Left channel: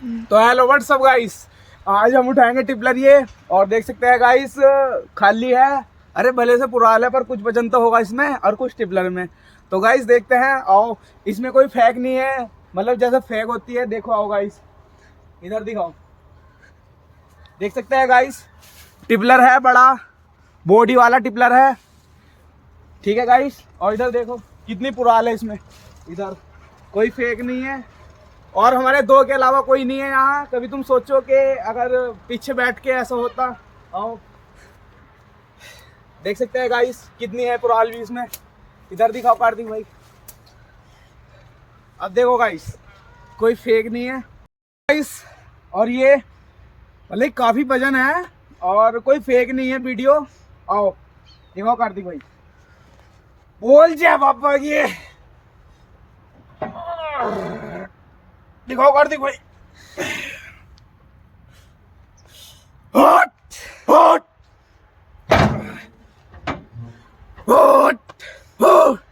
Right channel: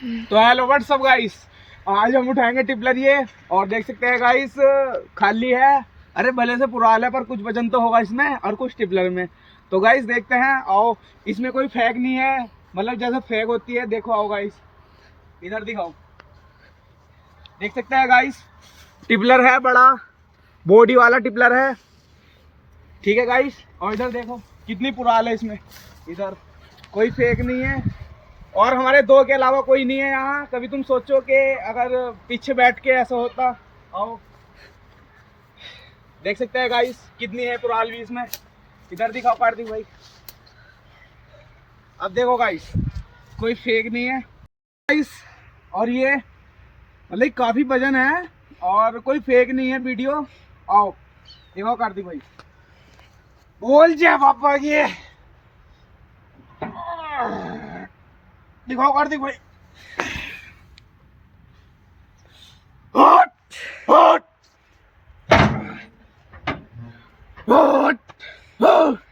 तो hello what's up guys, आज हम उठाएंगे टिपलर ये। और देख सकते हैं गाइस खाली है। अरे भले से पुराना है पर कुछ वजन तो होगा इसमें और कुछ टिपलर में। तो गाइस देखते हैं, आओ। इसमें कोई फेक नहीं है, मतलब जैसे फेक होती है। देखो आओ गाइस, इधर दिखाओ। देख सकते हैं गाइस, टिपलर है बड़ा, बॉडी वाला टिपलर है, ठीक है गाइस। और इधर देखो कितनी पुराल है इसमें, इधर कोई फेक नहीं है। और हमारे दो के अलावा कोई नहीं है यहाँ। कभी तुम सोचो कि अगर पीछे बैठ के ऐसा होता। आओ देख सकते हैं गाइस कितनी है पुराल भी इसमें। इधर दिखाओ कार्तिक भाई। अब देखो गाइस, कोई फेक नहीं है गाइस। और ये मतलब काफी वजन है और कोई फेक नहीं है वीडियो। आओ दिखाओ कार्तिक भाई, बोल जा पापा ये, दिखाओ कार्तिक भाई। हट हट हट हट।